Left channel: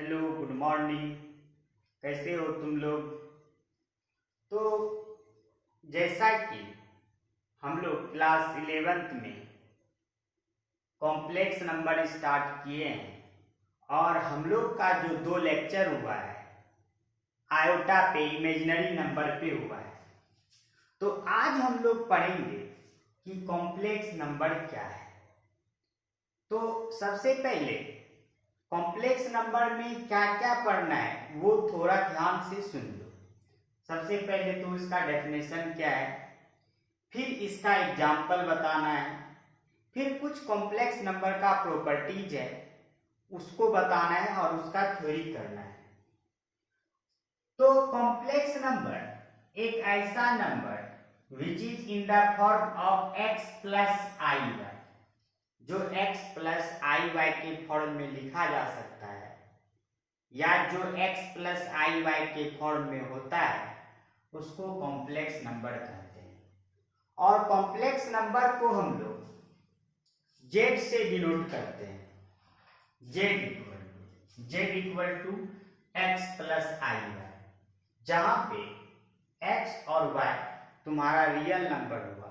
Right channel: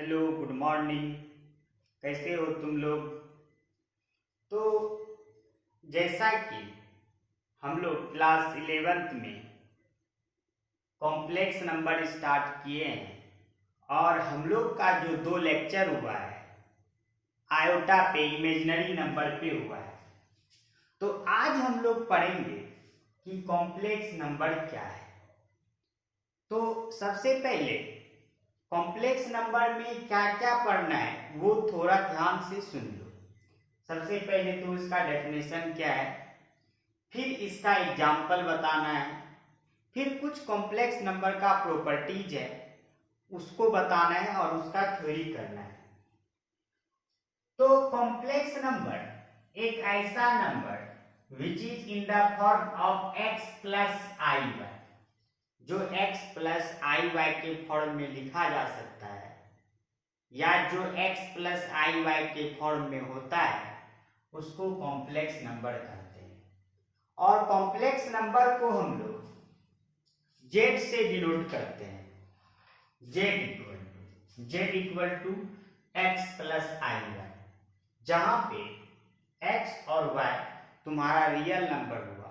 Hello, good morning. कैसे हो तुम लोग? तो जैसा कि हम लोग क्लास 11th में कॉम्प्लेक्स नंबर स्टार्ट किए हैं और हम लोग का जो 2 लेक्चर हुआ है आयोटा पे, इमेजिनरी नंबर पे हुआ है। तो आज हम लोग पढ़ेंगे कि कॉम्प्लेक्स नंबर क्या है। तो सबसे पहले कॉम्प्लेक्स नंबर में क्या क्या पढ़ना है वो थोड़ा ध्यान से सुन लो। सबसे पहले तो इसका डेफिनेशन क्या है, फिर इसका एग्जाम्पल बताना है, फिर कुछ कॉम्प्लेक्स नंबर का प्रॉपर्टीज है उसको बताना है और उसका थ्योरी करना है। तो कॉम्प्लेक्स नंबर एक ऐसा number which is in the form of x plus i y, जो x प्लस आई वाई के फॉर्म में लिखा जा सकता है या जो x प्लस आई वाई के फॉर्म में होता है उसको कॉम्प्लेक्स नंबर कहते हैं। और कॉम्प्लेक्स नंबर को हम लोग z से डिनोट करते हैं। z equal to x plus i y, जहां पे x और y तुम्हारा रियल नंबर हुआ।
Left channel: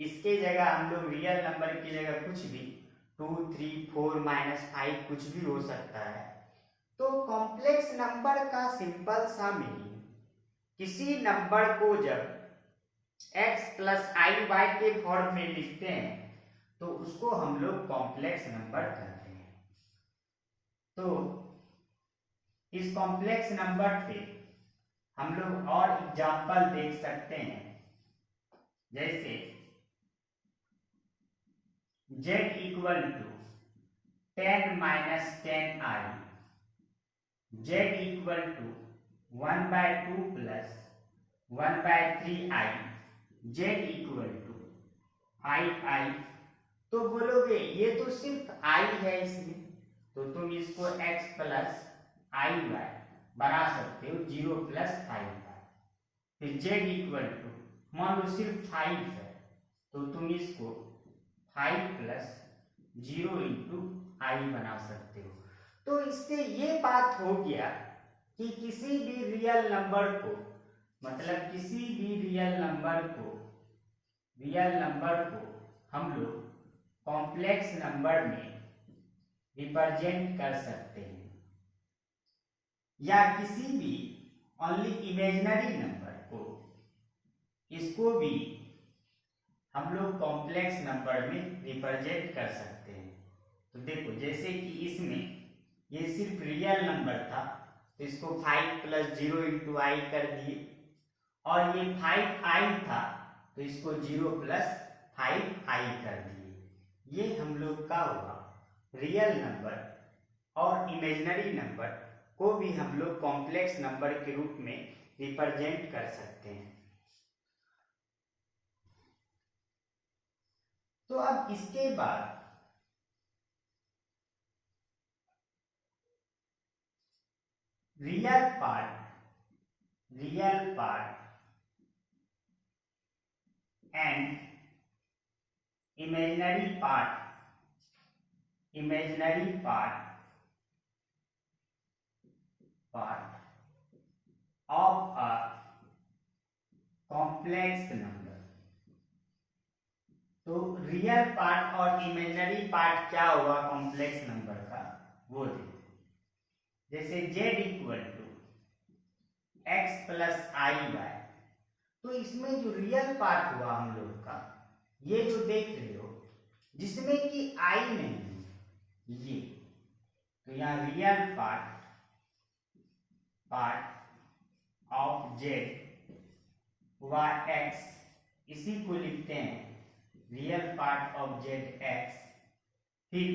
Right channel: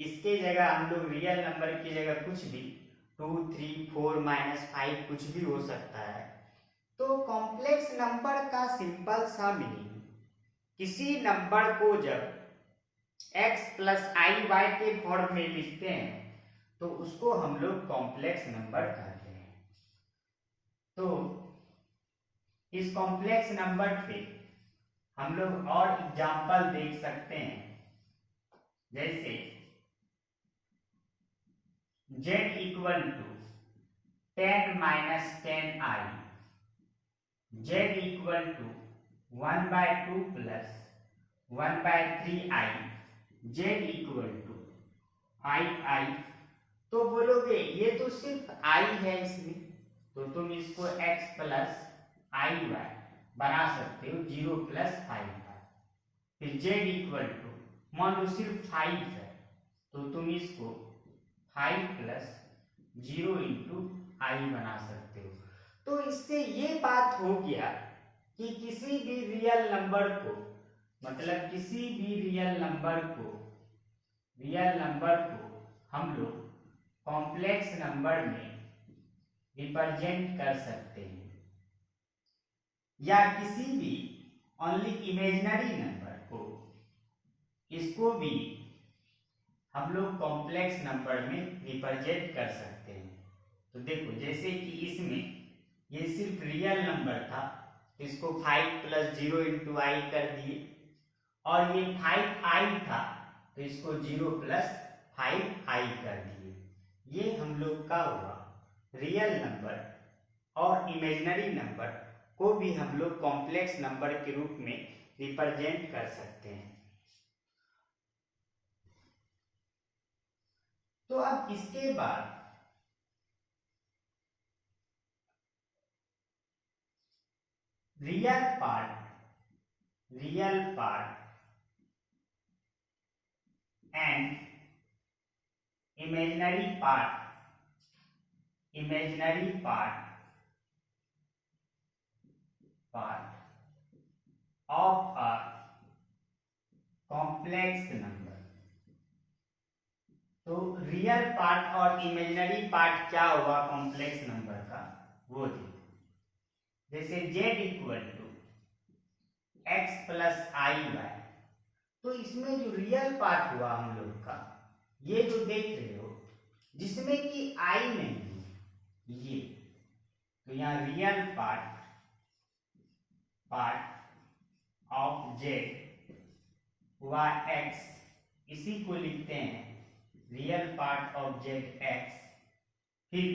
इसके जगह हम लोग रियल नंबर की जगह कुछ भी 2, 3, 4, -5 कुछ भी हो सकता है। तो कॉम्प्लेक्स नंबर का सिंपल सा मीनिंग, किसी नंबर को जब x प्लस आई वाई के फॉर्म में लिखते हैं तो उसको हम लोग कॉम्प्लेक्स नंबर कहते हैं। तो इस कॉम्प्लेक्स नंबर पे हम लोग और एग्जाम्पल देख सकते हैं, जैसे z equal to 10 minus 10i, z equal to 1/2 plus 1/3i, z equal to 5i। तो बोलोगे ये तो सिर्फ i है इसमें, तो तुम इसको x प्लस आई वाई बना सकते हो 0 प्लस 5i। फिर z इक्वल टू, मान लो सिर्फ 5 है तो तुम इसको 5 प्लस 0 इंटू आई बना सकते हो। तो इससे ये बात हो गया कि किसी भी रियल नंबर को, मतलब किसी भी रियल नंबर को हम लोग कॉम्प्लेक्स नंबर में रिप्रेजेंट कर सकते हैं, या किसी भी ओनली इमेजिनरी नंबर को, इसको भी हम लोग कॉम्प्लेक्स नंबर में रिप्रेजेंट कर सकते हैं। तो देखो, जैसे कि इसमें ये सिर्फ रियल नंबर था तो इसको 5 प्लस 0 इंटू आई कर दिए, और ये 5i था तो इसको 0 प्लस 5i कर दिए। ये हम लोग का हुआ रियल नंबर। और इमेजिनरी नंबर को भी हम लोग कॉम्प्लेक्स नंबर के रूप में रिप्रेजेंट कर सकते हैं। तो अब इसके बाद real part and imaginary part of a complex number. तो रियल पार्ट और इमेजिनरी पार्ट क्या हुआ कॉम्प्लेक्स नंबर का, वो देखो। जैसे z equal to x plus i y, तो इसमें जो रियल पार्ट हुआ हम लोग का, ये जो देख रहे हो जिसमें कि i नहीं है, ये तो यहाँ रियल पार्ट ऑफ z हुआ x, इसी को लिखते हैं real part of z x। फिर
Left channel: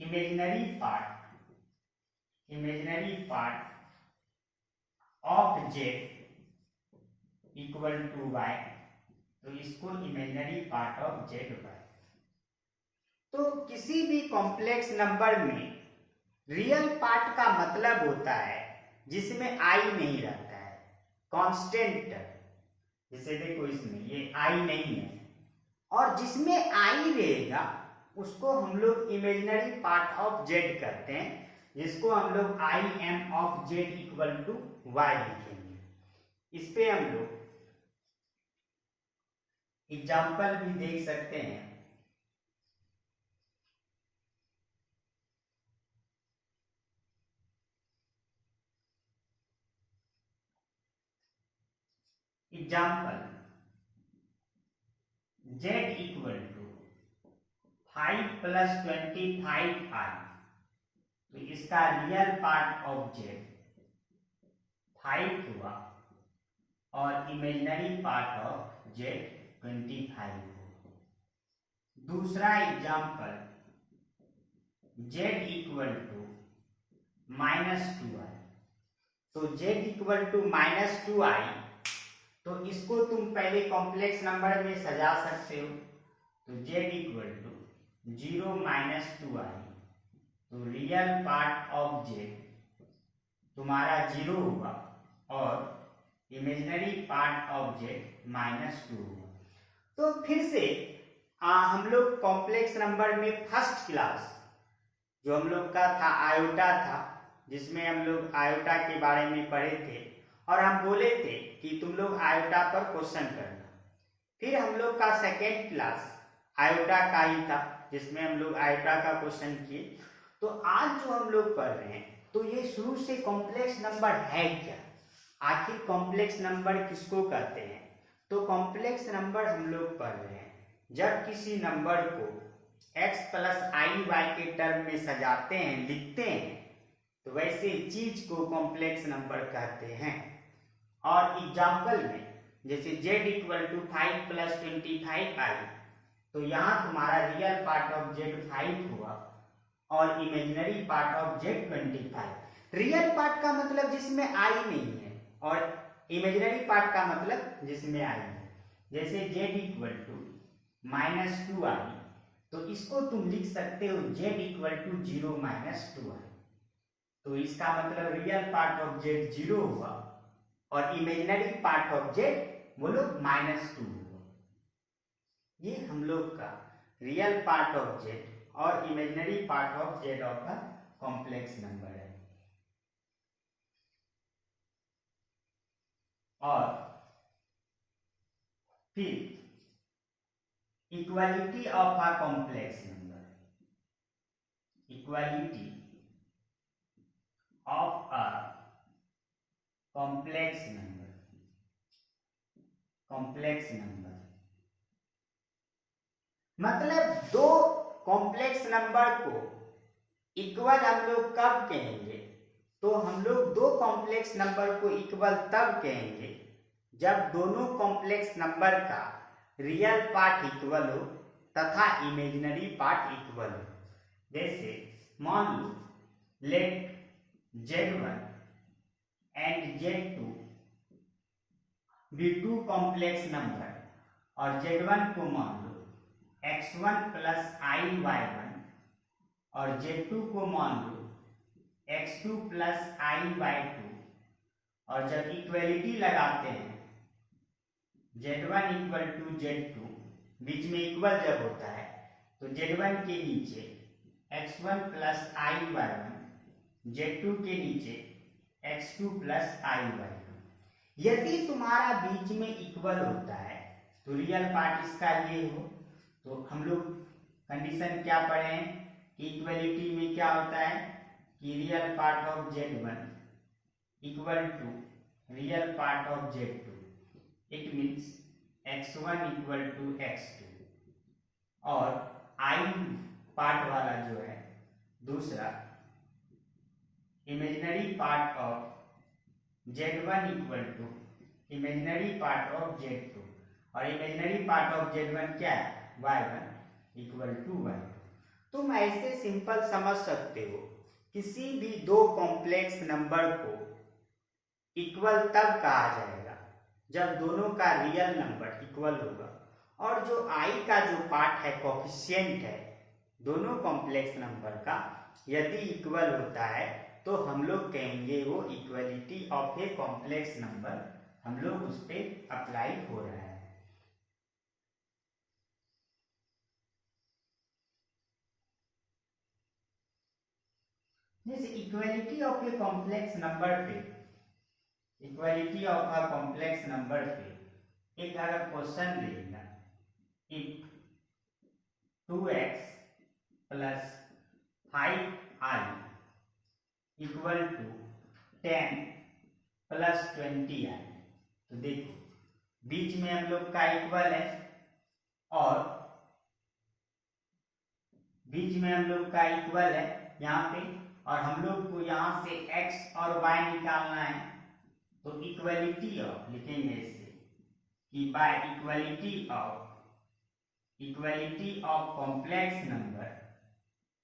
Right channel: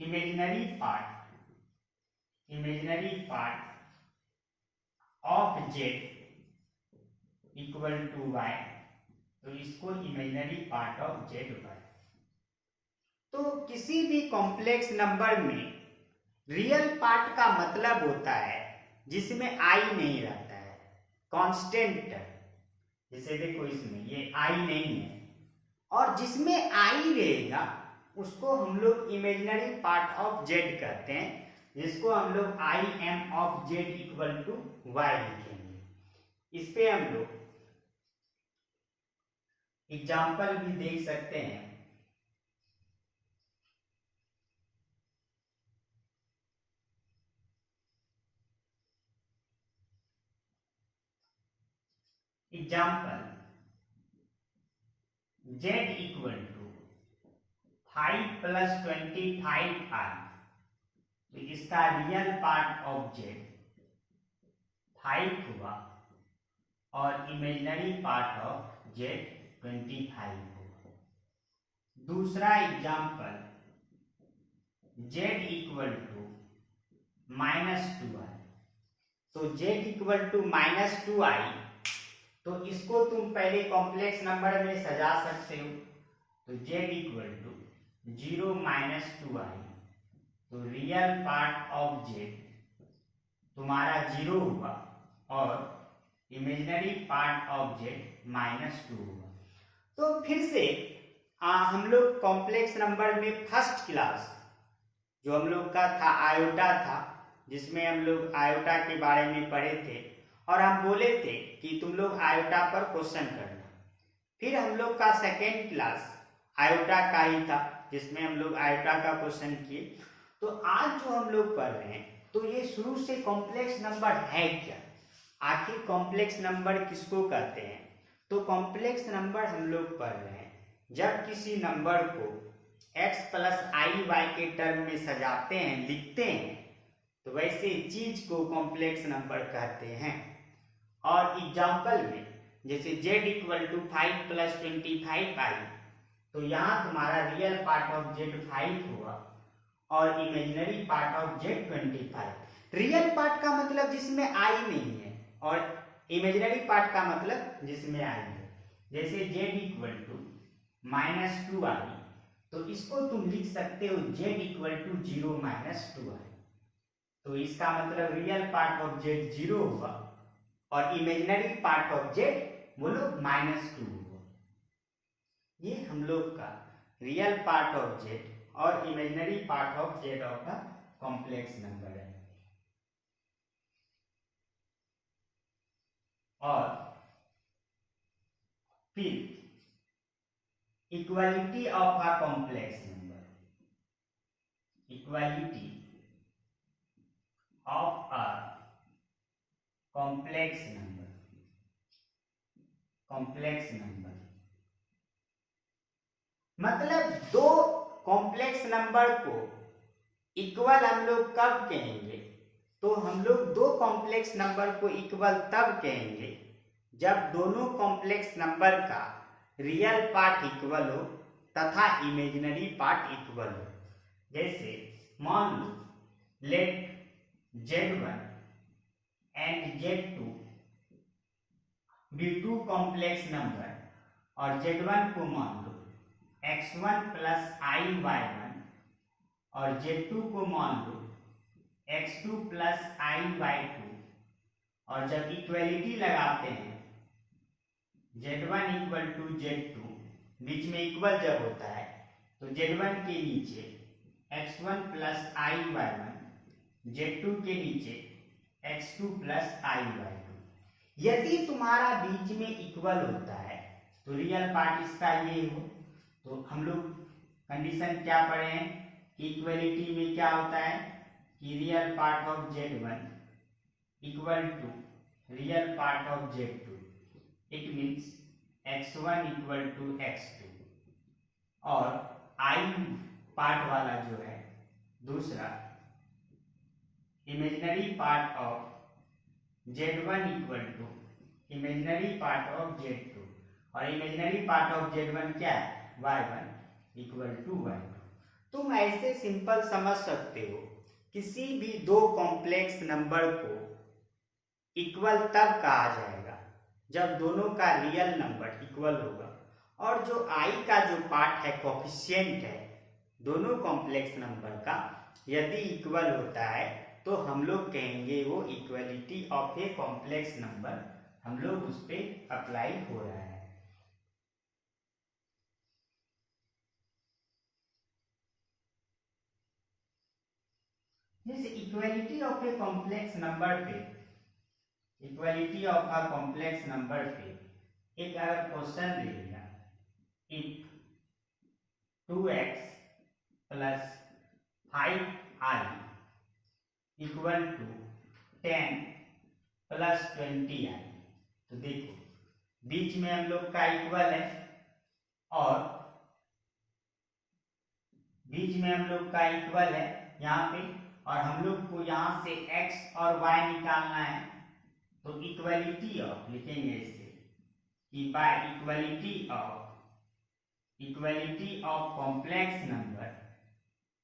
imaginary part of z equal to y, तो इसको imaginary part of z y। तो किसी भी कॉम्प्लेक्स नंबर में रियल पार्ट का मतलब होता है जिसमें i नहीं रहता है, कांस्टेंट। जैसे देखो इसमें ये i नहीं है, और जिसमें i रहेगा उसको हम लोग इमेजिनरी पार्ट ऑफ z कहते हैं। जिसको हम लोग i m of z equal to y लिखेंगे। इस पे हम लोग एग्जाम्पल भी देख सकते हैं। एग्जाम्पल z इक्वल टू 5 प्लस 25 आई, तो इसका रियल पार्ट ऑफ z 5 हुआ और इमेजिनरी पार्ट ऑफ z 25 हुआ। दूसरा example z equal to -2i, तो z इक्वल टू -2i, तो इसको तुम पहले कॉम्प्लेक्स नंबर में सजा सकते हो। तो z इक्वल टू 0 - 2i, तो रियल पार्ट ऑफ z तुम्हारा 0 हुआ और इमेजिनरी पार्ट ऑफ z -2 हुआ। तो फिर से हम लोग कॉम्प्लेक्स नंबर में फर्स्ट क्लास जो हम लोग का था आयोटा था, जिसमें हम लोग आयोटा के बारे में पढ़े थे और हम बोले थे कि तुम लोग आयोटा पर क्वेश्चन करना। फिर हम लोग का सेकेंड क्लास आयोटा का ही था, जिसमें हम लोग आयोटा का क्वेश्चन किए। तो आज जो हम लोग पढ़ रहे हैं, तो ये शुरू से कॉम्प्लेक्स नंबर है क्या, आखिर कॉम्प्लेक्स नंबर किसको कहते हैं। तो कॉम्प्लेक्स नंबर हम लोग पढ़ रहे हैं जब किसी नंबर को x प्लस आई वाई के टर्म में सजाते हैं, लिखते हैं, तो वैसे चीज को कॉम्प्लेक्स नंबर कहते हैं। और एग्जाम्पल में जैसे z equal to 5 plus 25i, तो यहाँ तुम्हारा रियल पार्ट ऑफ z 5 हुआ और imaginary part of z 25। Real part का मतलब जिसमें i नहीं है और इमेजिनरी पार्ट का मतलब जिसमें i है। जैसे z इक्वल टू -2i, तो इसको तुम लिख सकते हो z इक्वल टू 0 - 2i, तो इसका मतलब रियल पार्ट ऑफ z 0 हुआ और इमेजिनरी पार्ट ऑफ z बोलो -2 हुआ। ये हम लोग का रियल पार्ट ऑफ z और imaginary part of z of का कॉम्प्लेक्स नंबर है। और फिर equality of a complex number, equality of a complex number, complex number मतलब दो कॉम्प्लेक्स नंबर को इक्वल हम लोग कब कहेंगे, तो हम लोग दो कॉम्प्लेक्स नंबर को इक्वल तब कहेंगे जब दोनों कॉम्प्लेक्स नंबर का रियल पार्ट इक्वल हो तथा इमेजिनरी पार्ट इक्वल हो। जैसे मान लो let z1 and z2 be two complex number और z1 को मान लो x1 प्लस आई y1 और z2 को मान लो x2 प्लस आई y2, और जब इक्वलिटी लगाते हैं z1 इक्वल टू z2, बीच में इक्वल जब होता है तो z1 के नीचे x1 प्लस आई y1, z2 के नीचे x2 प्लस आई y2। यदि तुम्हारा बीच में इक्वल होता है तो रियल पार्ट इसका ये हो, तो हम लोग कंडीशन क्या पढ़े हैं कि इक्वलिटी में क्या होता है कि real part of z1 equal to real part of z2, it means x1 equal to x2, और आई पार्ट वाला जो है दूसरा imaginary part of z1 equal to imaginary part of z2, और इमेजिनरी पार्ट ऑफ z1 क्या है y1 equal to y2। तुम ऐसे सिंपल समझ सकते हो किसी भी दो कॉम्प्लेक्स नंबर को इक्वल तब कहा जाएगा जब दोनों का रियल नंबर इक्वल होगा, और जो i का जो पार्ट है कोफिशिएंट है दोनों कॉम्प्लेक्स नंबर का, यदि इक्वल होता है तो हम लोग कहेंगे वो equality of a complex number हम लोग उस पर अप्लाई हो रहा है। जैसे equality of a complex number पे, equality of a complex number पे एक अगर क्वेश्चन देगा, if 2x plus 5i equal to 10 plus 20i, तो देखो बीच में हम लोग का इक्वल है और बीच में हम लोग का इक्वल है यहाँ पे, और हम लोग को यहाँ से x और y निकालना है। तो इक्वलिटी ऑफ लिखेंगे इसे कि bye equality of complex number,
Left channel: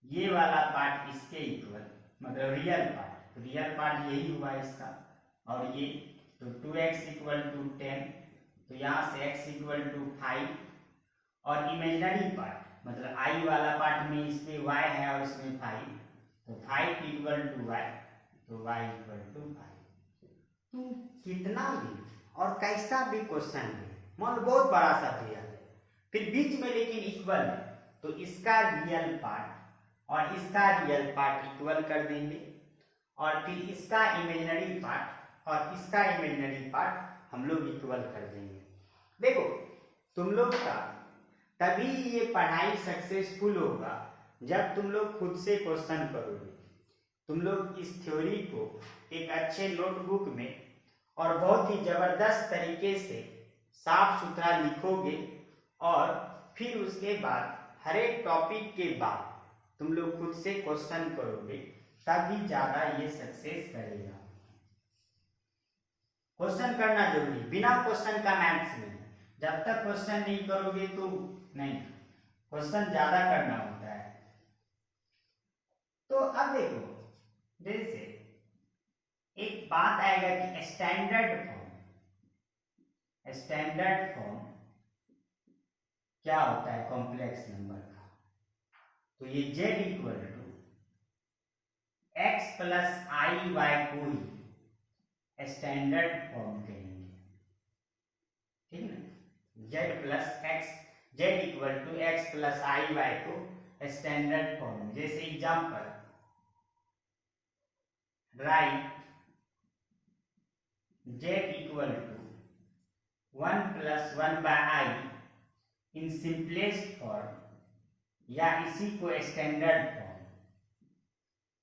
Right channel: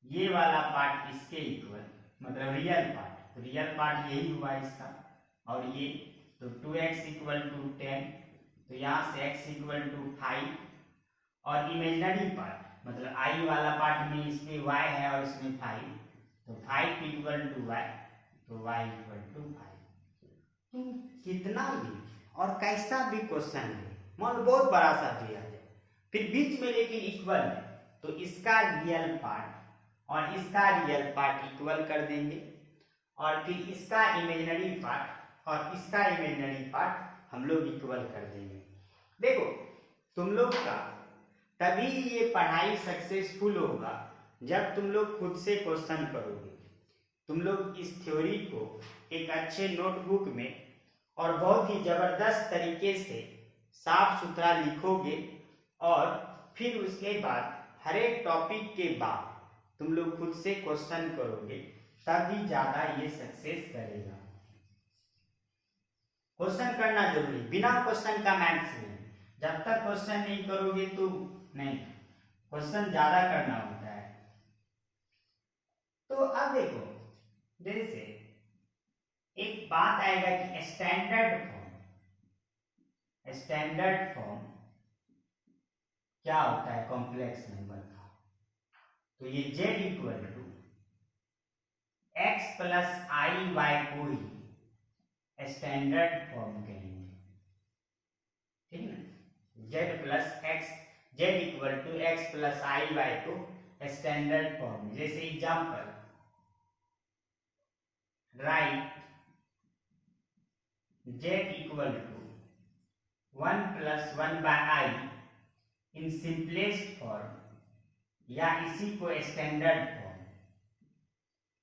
ये वाला पार्ट इसके इक्वल, मतलब रियल पार्ट यही हुआ इसका, और ये तो 2x इक्वल टू 10, तो यहाँ से x इक्वल टू 5, और इमेजिनरी पार्ट मतलब i वाला पार्ट में इसमें y है और इसमें 5, तो 5 इक्वल टू y, तो y इक्वल टू 5। तो कितना भी और कैसा भी क्वेश्चन है, मान बहुत बड़ा सा दिया है, फिर बीच में लेकिन इक्वल है, तो इसका रियल पार्ट और इसका रियल पार्ट इक्वल कर देंगे, और फिर इसका इमेजिनरी पार्ट और इसका इमेजिनरी पार्ट हम लोग इक्वल कर देंगे। देखो तुम लोग का तभी ये पढ़ाई सक्सेसफुल होगा जब तुम लोग खुद से क्वेश्चन करोगे। तुम लोग इस थ्योरी को एक अच्छे नोटबुक में और बहुत ही जबरदस्त तरीके से साफ सुथरा लिखोगे, और फिर उसके बाद हर एक टॉपिक के बाद तुम लोग खुद से क्वेश्चन करोगे, तभी ज्यादा ये सक्सेस करेगा। क्वेश्चन करना जरूरी, बिना क्वेश्चन का मैथ्स नहीं। जब तक क्वेश्चन नहीं करोगे तो नहीं, क्वेश्चन ज्यादा करना होता है। तो अब देखो, जैसे एक बात आएगा कि स्टैंडर्ड फॉर्म क्या होता है कॉम्प्लेक्स नंबर का, तो ये z equal to x plus i y को ही स्टैंडर्ड फॉर्म कहेंगे, ठीक है ना। z equal to x plus i y को स्टैंडर्ड फॉर्म। जैसे example, write z equal to 1 plus 1 by i in simplest form, या इसी को स्टैंडर्ड फॉर्म।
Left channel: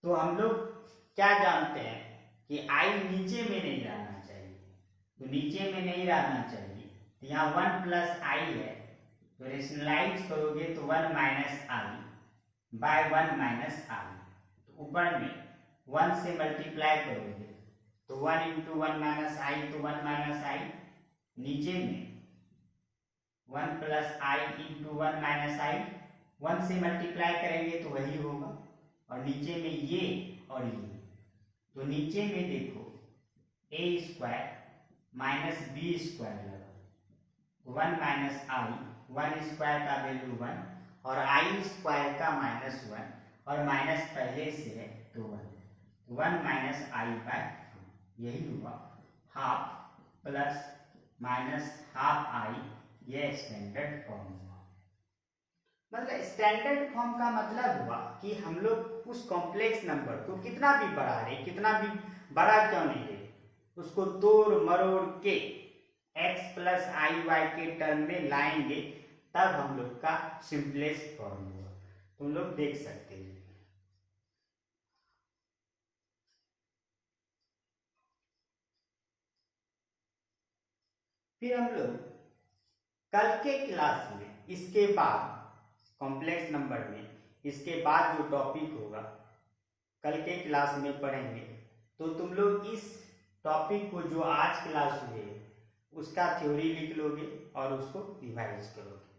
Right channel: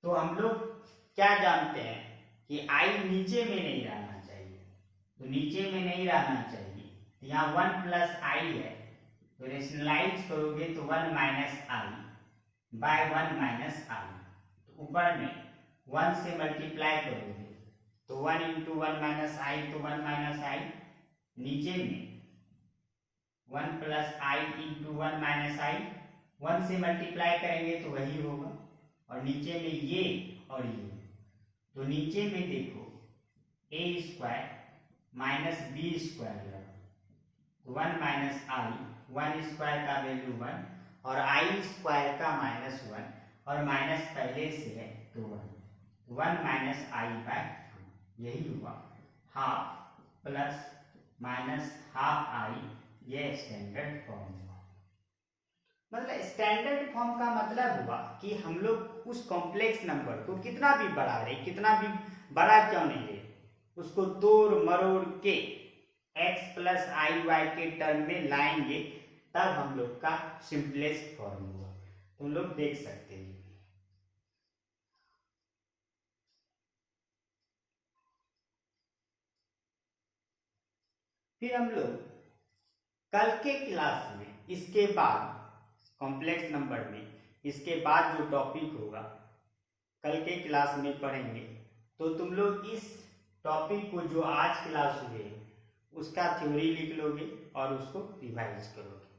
तो हम लोग क्या जानते हैं कि i नीचे में नहीं रहना चाहिए, तो नीचे में नहीं रहना चाहिए, तो यहाँ 1 प्लस आई है, तो रेशनलाइज करोगे तो 1 माइनस आई बाय 1 माइनस आई, तो ऊपर में 1 से मल्टीप्लाई करोगे तो 1 इंटू 1 माइनस आई, तो 1 माइनस आई, नीचे में 1 plus I into 1 minus i, 1 से मल्टीप्लाई करेंगे तो वही होगा, और नीचे में ये और ये, तो नीचे में देखो a square minus b square लगा, 1 माइनस आई, 1 स्क्वायर का वैल्यू 1 और आई स्क्वायर का माइनस 1, और माइनस पहले से है तो 1 माइनस आई बाय 2, यही हुआ half plus minus half I, ये स्टैंडर्ड फॉर्म हुआ। मतलब स्टैंडर्ड फॉर्म का मतलब हुआ कि हम लोग उस कॉम्प्लेक्स नंबर को कितना भी बड़ा ले, कितना भी बड़ा क्यों नहीं ले, उसको तोड़ मरोड़ के x प्लस आई वाई के टर्म में लाएंगे, तब हम लोग का सिंपलेस्ट फॉर्म हुआ। तुम लोग देख सकते हैं। फिर हम लोग कल के क्लास में इसके बाद कॉम्प्लेक्स नंबर में इसके बाद जो टॉपिक होगा कल के क्लास में पढ़ेंगे, तो तुम लोग इस टॉपिक को जो आज क्लास हुए उसका थ्योरी लिख लोगे और उसको रिवाइज करोगे।